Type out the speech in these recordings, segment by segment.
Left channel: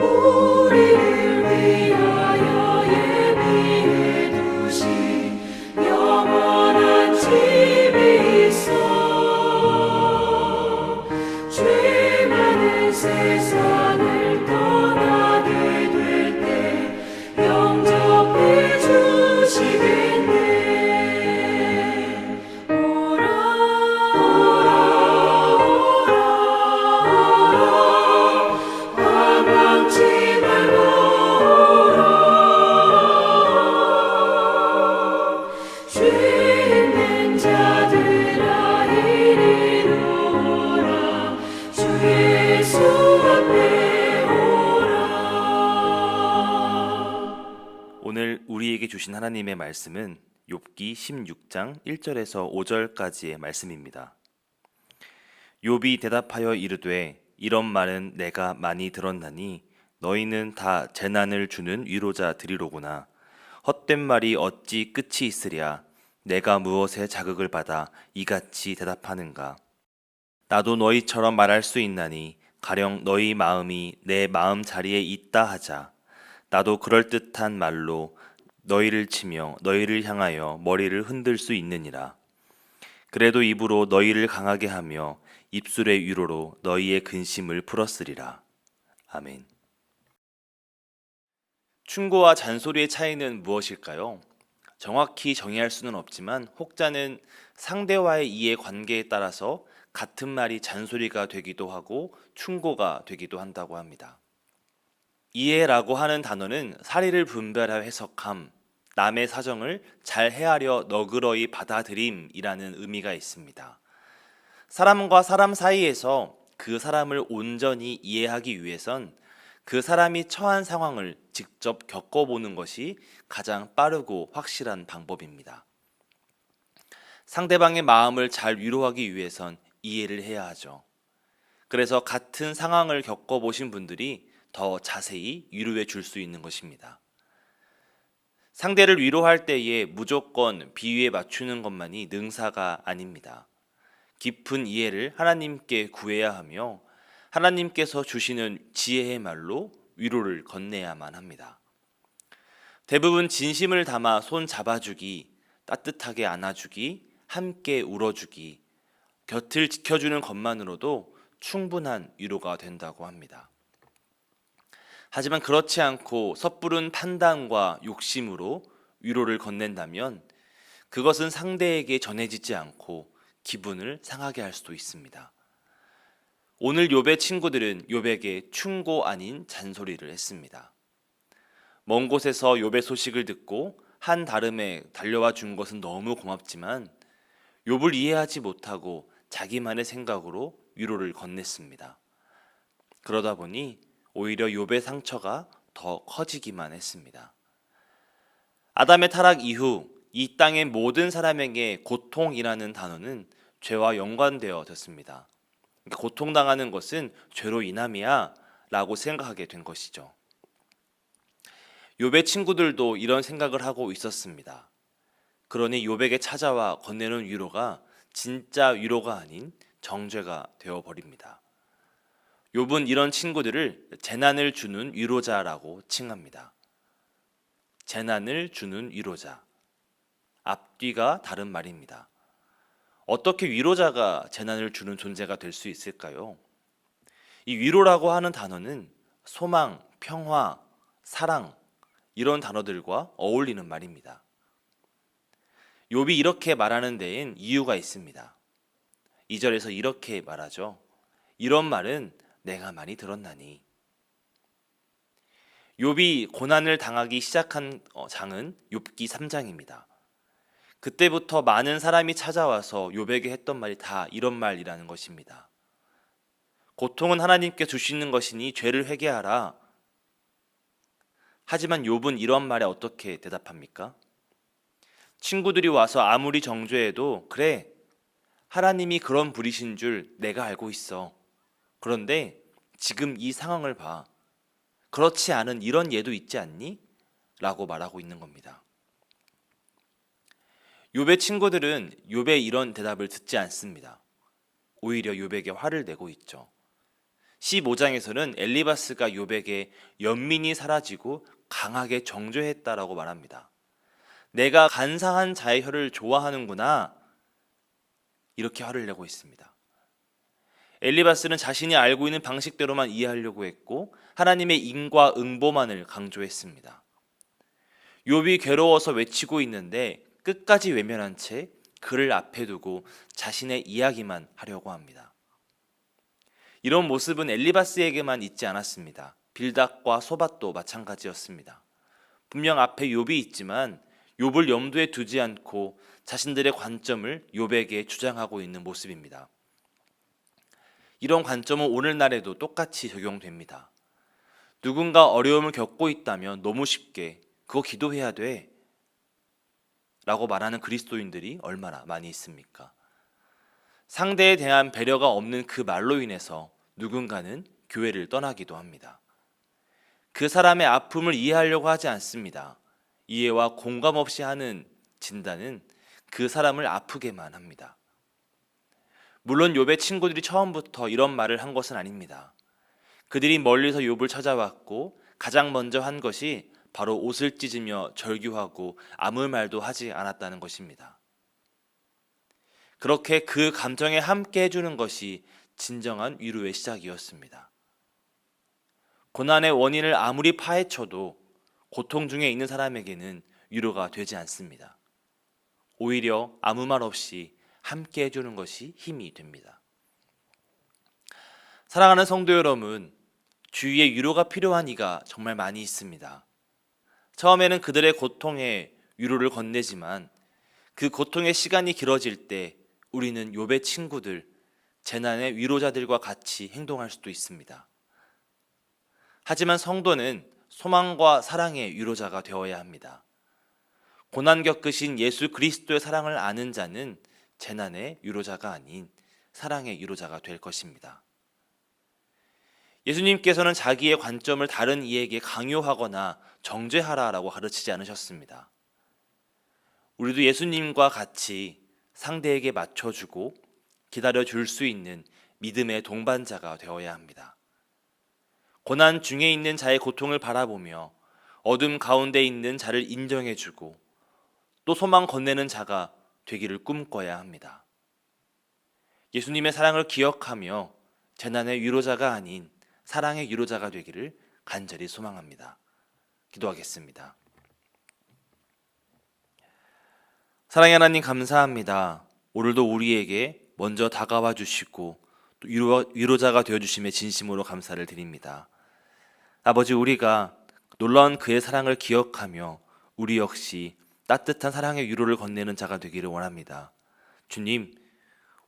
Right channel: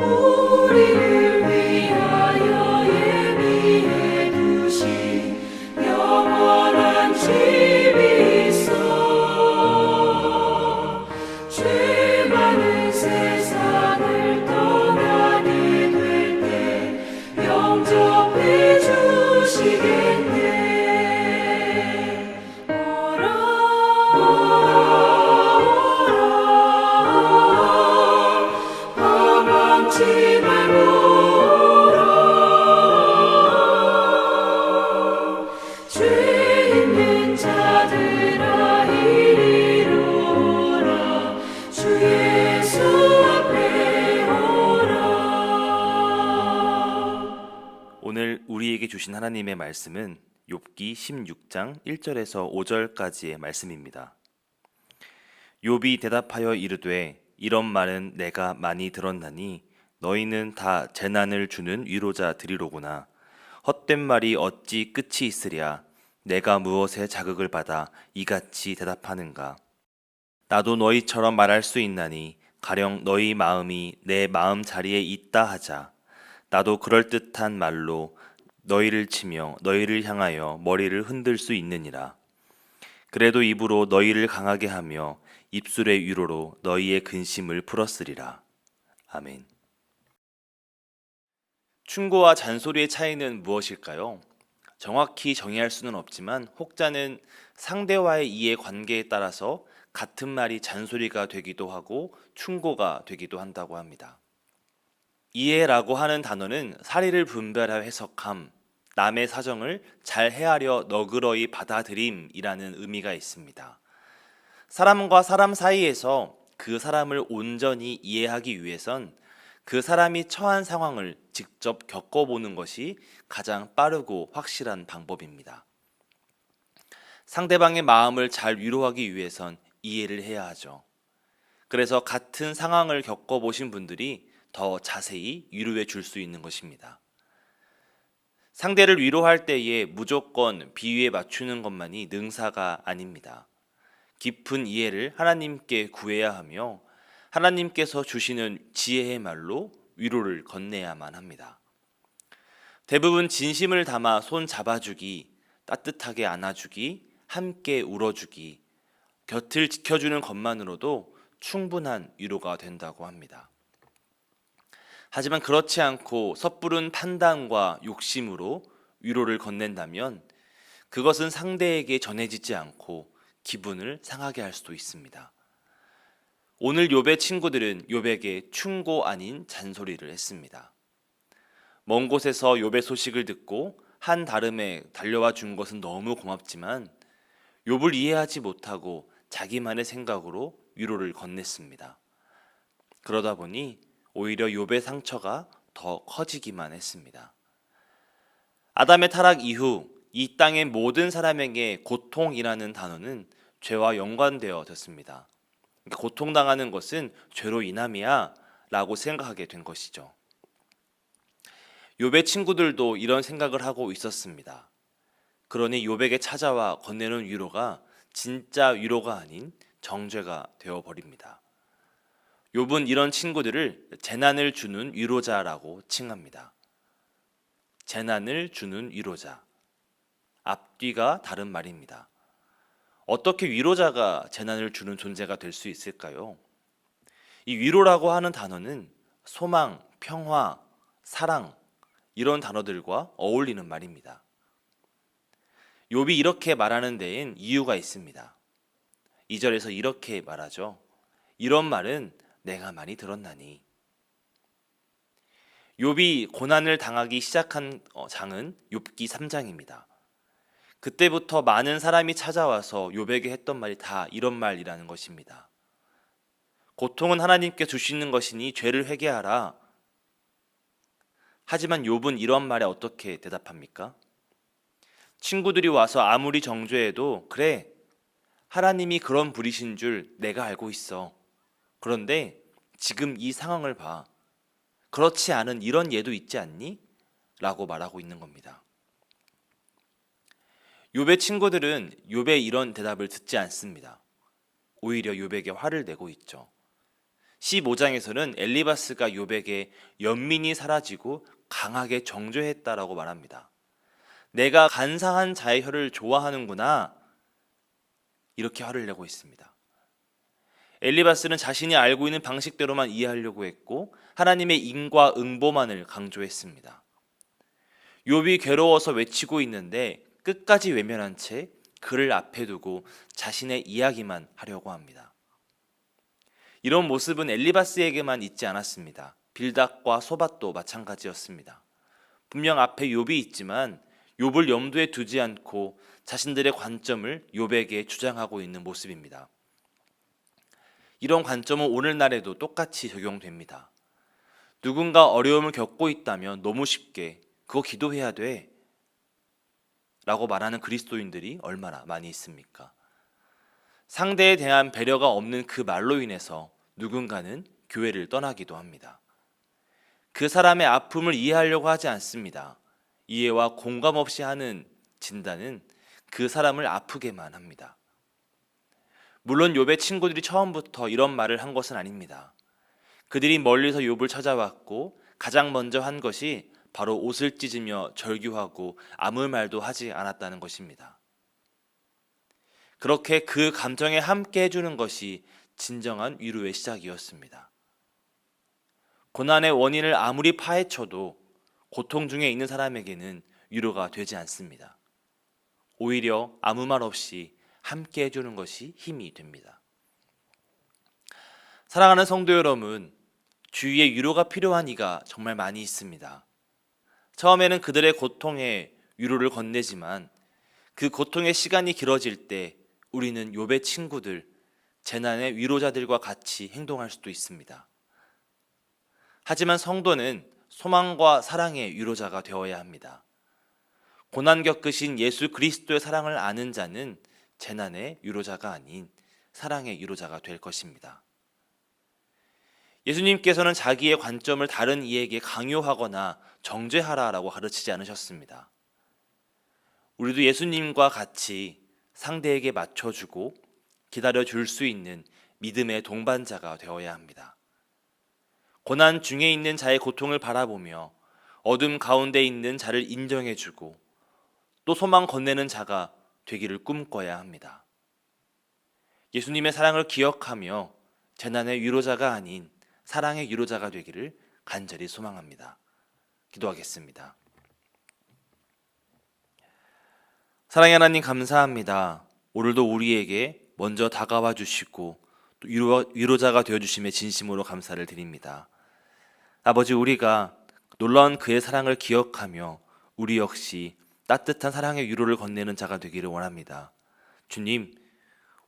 우리를 위하여 예비해 두신 영원한 집이 있어. 죄 많은 세상을 떠나게 될 때 영접해 주시겠네. 오라 방황치 말고 오라. 죄 있는 자들아 이리로 오라. 주 예수 앞에 오라. 오늘 우리에게 주신 하나님의 말씀은 욥기 16장 1절에서 5절까지의 말씀입니다. 욥이 대답하여 이르되 이런 말은 내가 많이 들었나니 너희는 다 재난을 주는 위로자들이로구나. 헛된 말이 어찌 끝이 있으랴. 내가 무엇에 자극을 받아 이같이 대답하는가. 나도 너희처럼 말할 수 있나니 가령 너희 마음이 내 마음 자리에 있다 하자. 나도 그럴듯한 말로 너희를 치며 너희를 향하여 머리를 흔들 수 있느니라. 그래도 입으로 너희를 강하게 하며 입술의 위로로 너희의 근심을 풀었으리라. 아멘. 충고와 잔소리의 차이는 무엇일까요? 정확히 정의할 수는 없지만 혹자는 상대와의 이해 관계에 따라서 같은 말이 잔소리가 되기도 하고 충고가 되기도 한다고 합니다. 이해라고 하는 단어는 사리를 분별하여 해석함, 남의 사정을 잘 헤아려 너그러이 받아들임이라는 의미가 있습니다. 사람과 사람 사이에서 그 사람을 온전히 이해하기 위해선 그 사람이 처한 상황을 직접 겪어보는 것이 가장 빠르고 확실한 방법입니다. 상대방의 마음을 잘 위로하기 위해선 이해를 해야 하죠. 그래서 같은 상황을 겪어보신 분들이 더 자세히 위로해 줄 수 있는 것입니다. 상대를 위로할 때에 무조건 비유에 맞추는 것만이 능사가 아닙니다. 깊은 이해를 하나님께 구해야 하며 하나님께서 주시는 지혜의 말로 위로를 건네야만 합니다. 대부분 진심을 담아 손 잡아주기, 따뜻하게 안아주기, 함께 울어주기, 곁을 지켜주는 것만으로도 충분한 위로가 된다고 합니다. 하지만 그렇지 않고 섣부른 판단과 욕심으로 위로를 건넨다면 그것은 상대에게 전해지지 않고 기분을 상하게 할 수도 있습니다. 오늘 욥의 친구들은 욥에게 충고 아닌 잔소리를 했습니다. 먼 곳에서 욥의 소식을 듣고 한 다름에 달려와 준 것은 너무 고맙지만 욥을 이해하지 못하고 자기만의 생각으로 위로를 건넸습니다. 그러다 보니 오히려 욥의 상처가 더 커지기만 했습니다. 아담의 타락 이후 이 땅의 모든 사람에게 고통이라는 단어는 죄와 연관되어졌습니다. 고통당하는 것은 죄로 인함이야 라고 생각하게 된 것이죠. 욥의 친구들도 이런 생각을 하고 있었습니다. 그러니 욥에게 찾아와 건네는 위로가 진짜 위로가 아닌 정죄가 되어버립니다. 욥은 이런 친구들을 재난을 주는 위로자라고 칭합니다. 재난을 주는 위로자. 앞뒤가 다른 말입니다. 어떻게 위로자가 재난을 주는 존재가 될 수 있을까요? 이 위로라고 하는 단어는 소망, 평화, 사랑 이런 단어들과 어울리는 말입니다. 욥이 이렇게 말하는 데엔 이유가 있습니다. 2절에서 이렇게 말하죠. 이런 말은 내가 많이 들었나니. 욥이 고난을 당하기 시작한 장은 욥기 3장입니다. 그때부터 많은 사람이 찾아와서 욥에게 했던 말이 다 이런 말이라는 것입니다. 고통은 하나님께 주시는 것이니 죄를 회개하라. 하지만 욥은 이런 말에 어떻게 대답합니까? 친구들이 와서 아무리 정죄해도 그래, 하나님이 그런 분이신 줄 내가 알고 있어. 그런데 지금 이 상황을 봐. 그렇지 않은 이런 예도 있지 않니? 라고 말하고 있는 겁니다. 욥의 친구들은 욥의 이런 대답을 듣지 않습니다. 오히려 욥에게 화를 내고 있죠. 15장에서는 엘리바스가 욥에게 연민이 사라지고 강하게 정죄했다라고 말합니다. 내가 간사한 자의 혀를 좋아하는구나, 이렇게 화를 내고 있습니다. 엘리바스는 자신이 알고 있는 방식대로만 이해하려고 했고 하나님의 인과 응보만을 강조했습니다. 욥이 괴로워서 외치고 있는데 끝까지 외면한 채 그를 앞에 두고 자신의 이야기만 하려고 합니다. 이런 모습은 엘리바스에게만 있지 않았습니다. 빌닷과 소밧도 마찬가지였습니다. 분명 앞에 욥이 있지만 욥을 염두에 두지 않고 자신들의 관점을 욥에게 주장하고 있는 모습입니다. 이런 관점은 오늘날에도 똑같이 적용됩니다. 누군가 어려움을 겪고 있다면 너무 쉽게 그거 기도해야 돼 라고 말하는 그리스도인들이 얼마나 많이 있습니까? 상대에 대한 배려가 없는 그 말로 인해서 누군가는 교회를 떠나기도 합니다. 그 사람의 아픔을 이해하려고 하지 않습니다. 이해와 공감 없이 하는 진단은 그 사람을 아프게만 합니다. 물론 욥의 친구들이 처음부터 이런 말을 한 것은 아닙니다. 그들이 멀리서 욥을 찾아왔고 가장 먼저 한 것이 바로 옷을 찢으며 절규하고 아무 말도 하지 않았다는 것입니다. 그렇게 그 감정에 함께 해주는 것이 진정한 위로의 시작이었습니다. 고난의 원인을 아무리 파헤쳐도 고통 중에 있는 사람에게는 위로가 되지 않습니다. 오히려 아무 말 없이 함께 해주는 것이 힘이 됩니다. 사랑하는 성도 여러분, 주위에 위로가 필요한 이가 정말 많이 있습니다. 처음에는 그들의 고통에 위로를 건네지만 그 고통의 시간이 길어질 때 우리는 욥의 친구들, 재난의 위로자들과 같이 행동할 수도 있습니다. 하지만 성도는 소망과 사랑의 위로자가 되어야 합니다. 고난 겪으신 예수 그리스도의 사랑을 아는 자는 재난의 위로자가 아닌 사랑의 위로자가 될 것입니다. 예수님께서는 자기의 관점을 다른 이에게 강요하거나 정죄하라라고 가르치지 않으셨습니다. 우리도 예수님과 같이 상대에게 맞춰주고 기다려줄 수 있는 믿음의 동반자가 되어야 합니다. 고난 중에 있는 자의 고통을 바라보며 어둠 가운데 있는 자를 인정해주고 또 소망 건네는 자가 되기를 꿈꿔야 합니다. 예수님의 사랑을 기억하며 재난의 위로자가 아닌 사랑의 위로자가 되기를 간절히 소망합니다. 기도하겠습니다. 사랑의 하나님, 감사합니다. 오늘도 우리에게 먼저 다가와 주시고 또 위로자가 되어주심에 진심으로 감사를 드립니다. 아버지, 우리가 놀라운 그의 사랑을 기억하며 우리 역시 따뜻한 사랑의 위로를 건네는 자가 되기를 원합니다. 주님,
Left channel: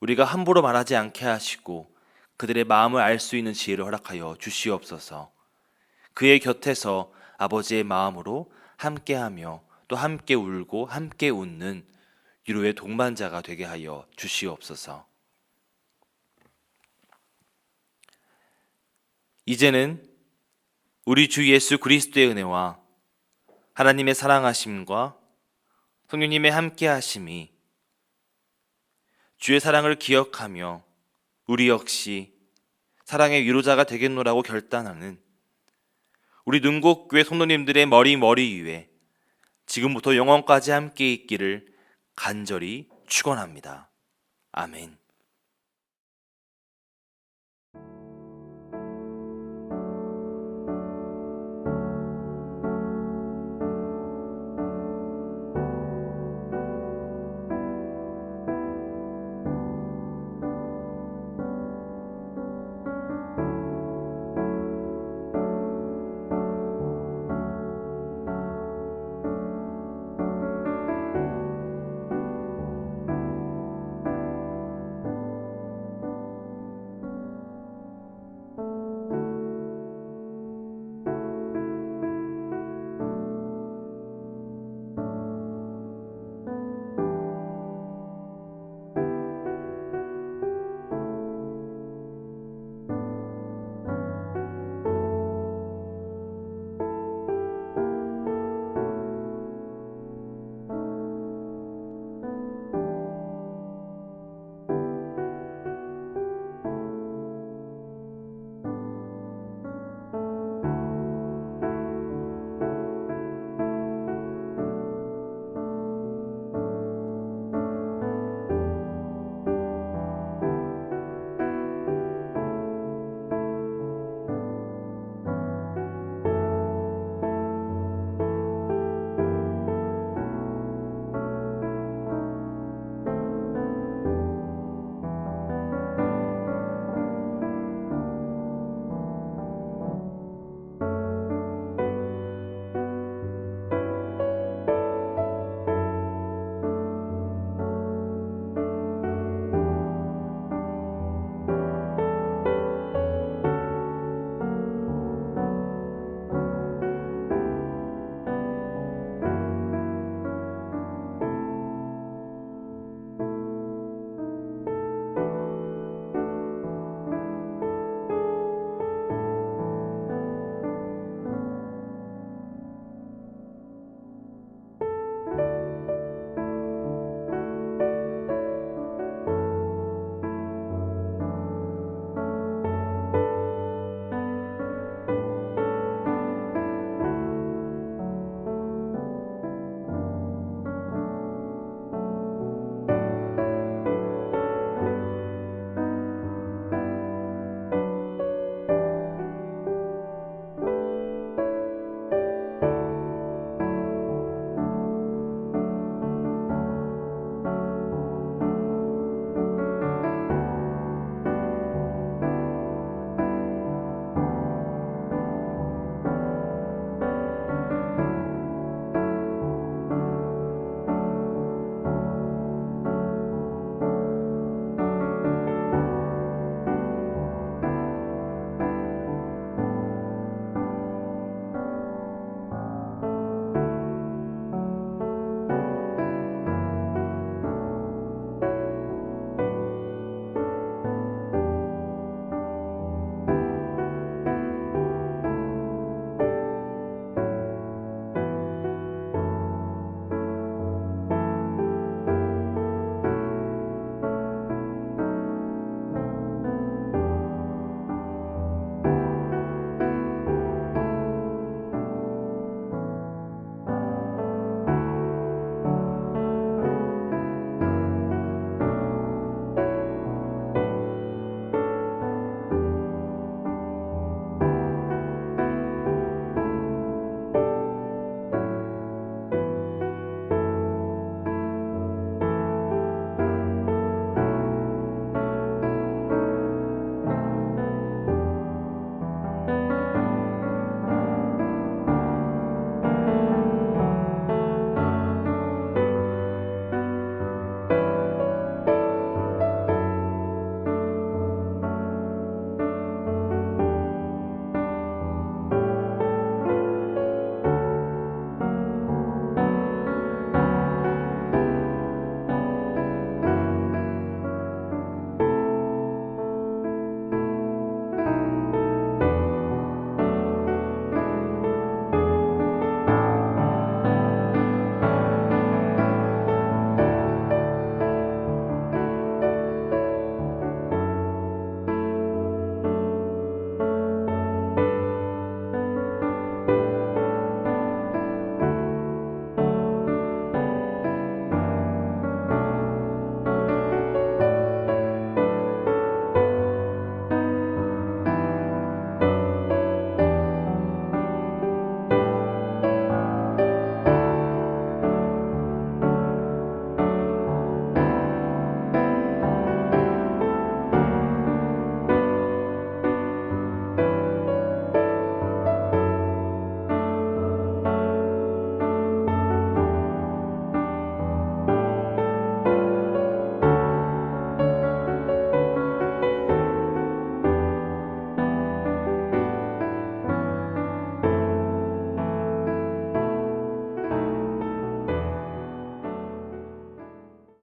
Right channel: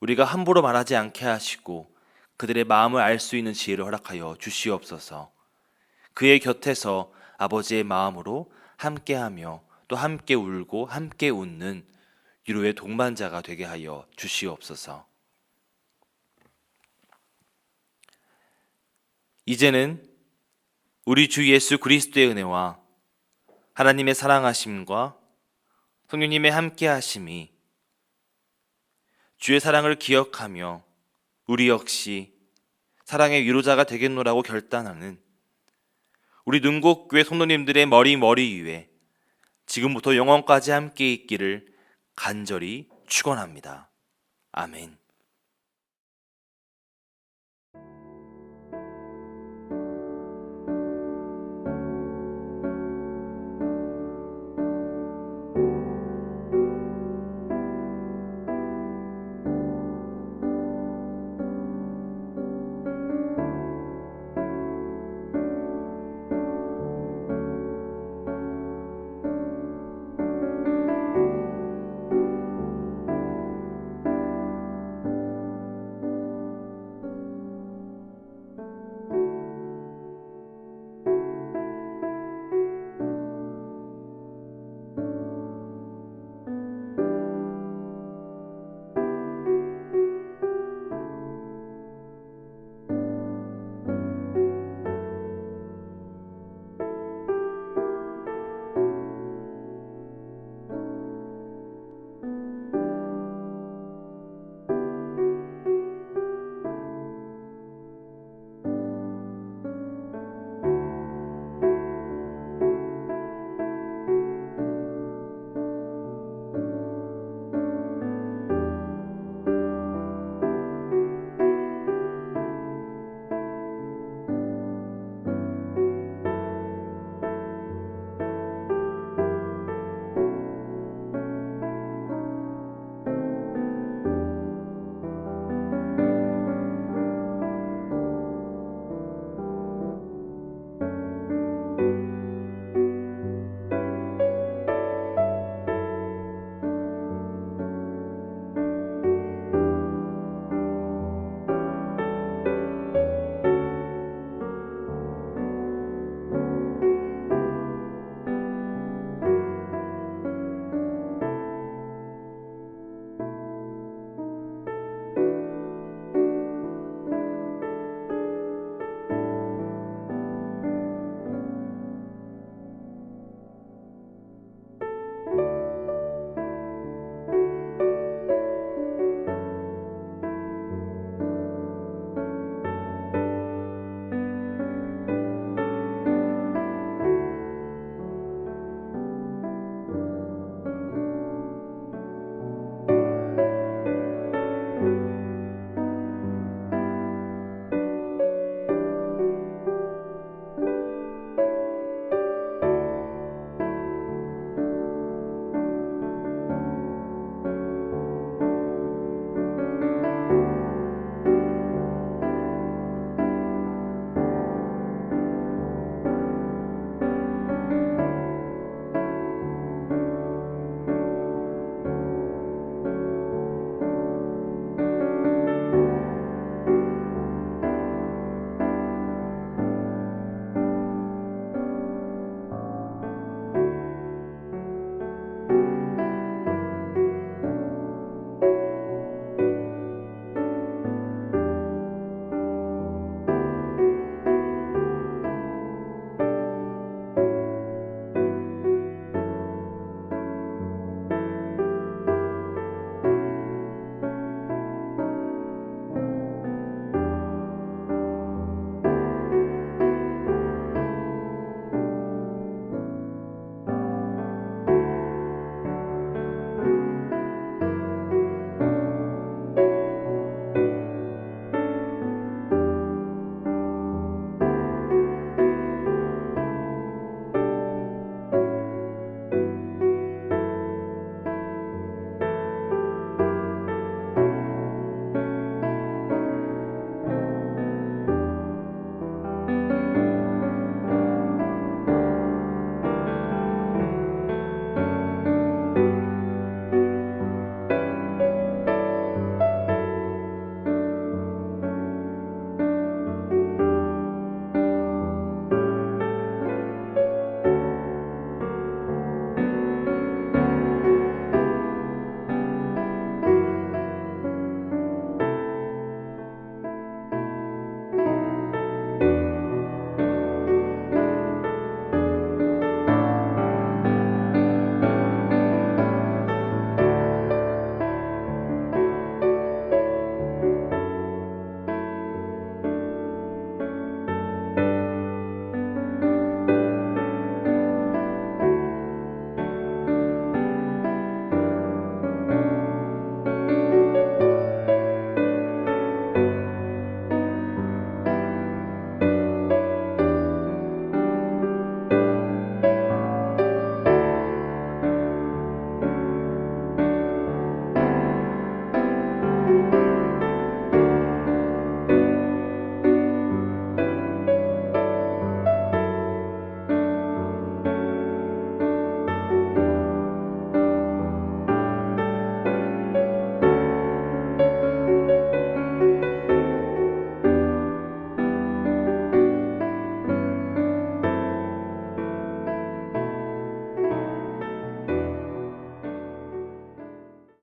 우리가 함부로 말하지 않게 하시고 그들의 마음을 알 수 있는 지혜를 허락하여 주시옵소서. 그의 곁에서 아버지의 마음으로 함께하며 또 함께 울고 함께 웃는 위로의 동반자가 되게 하여 주시옵소서. 이제는 우리 주 예수 그리스도의 은혜와 하나님의 사랑하심과 성령님의 함께하심이 주의 사랑을 기억하며 우리 역시 사랑의 위로자가 되겠노라고 결단하는 우리 능곡교회 성도님들의 머리 위에 지금부터 영원까지 함께 있기를 간절히 축원합니다. 아멘.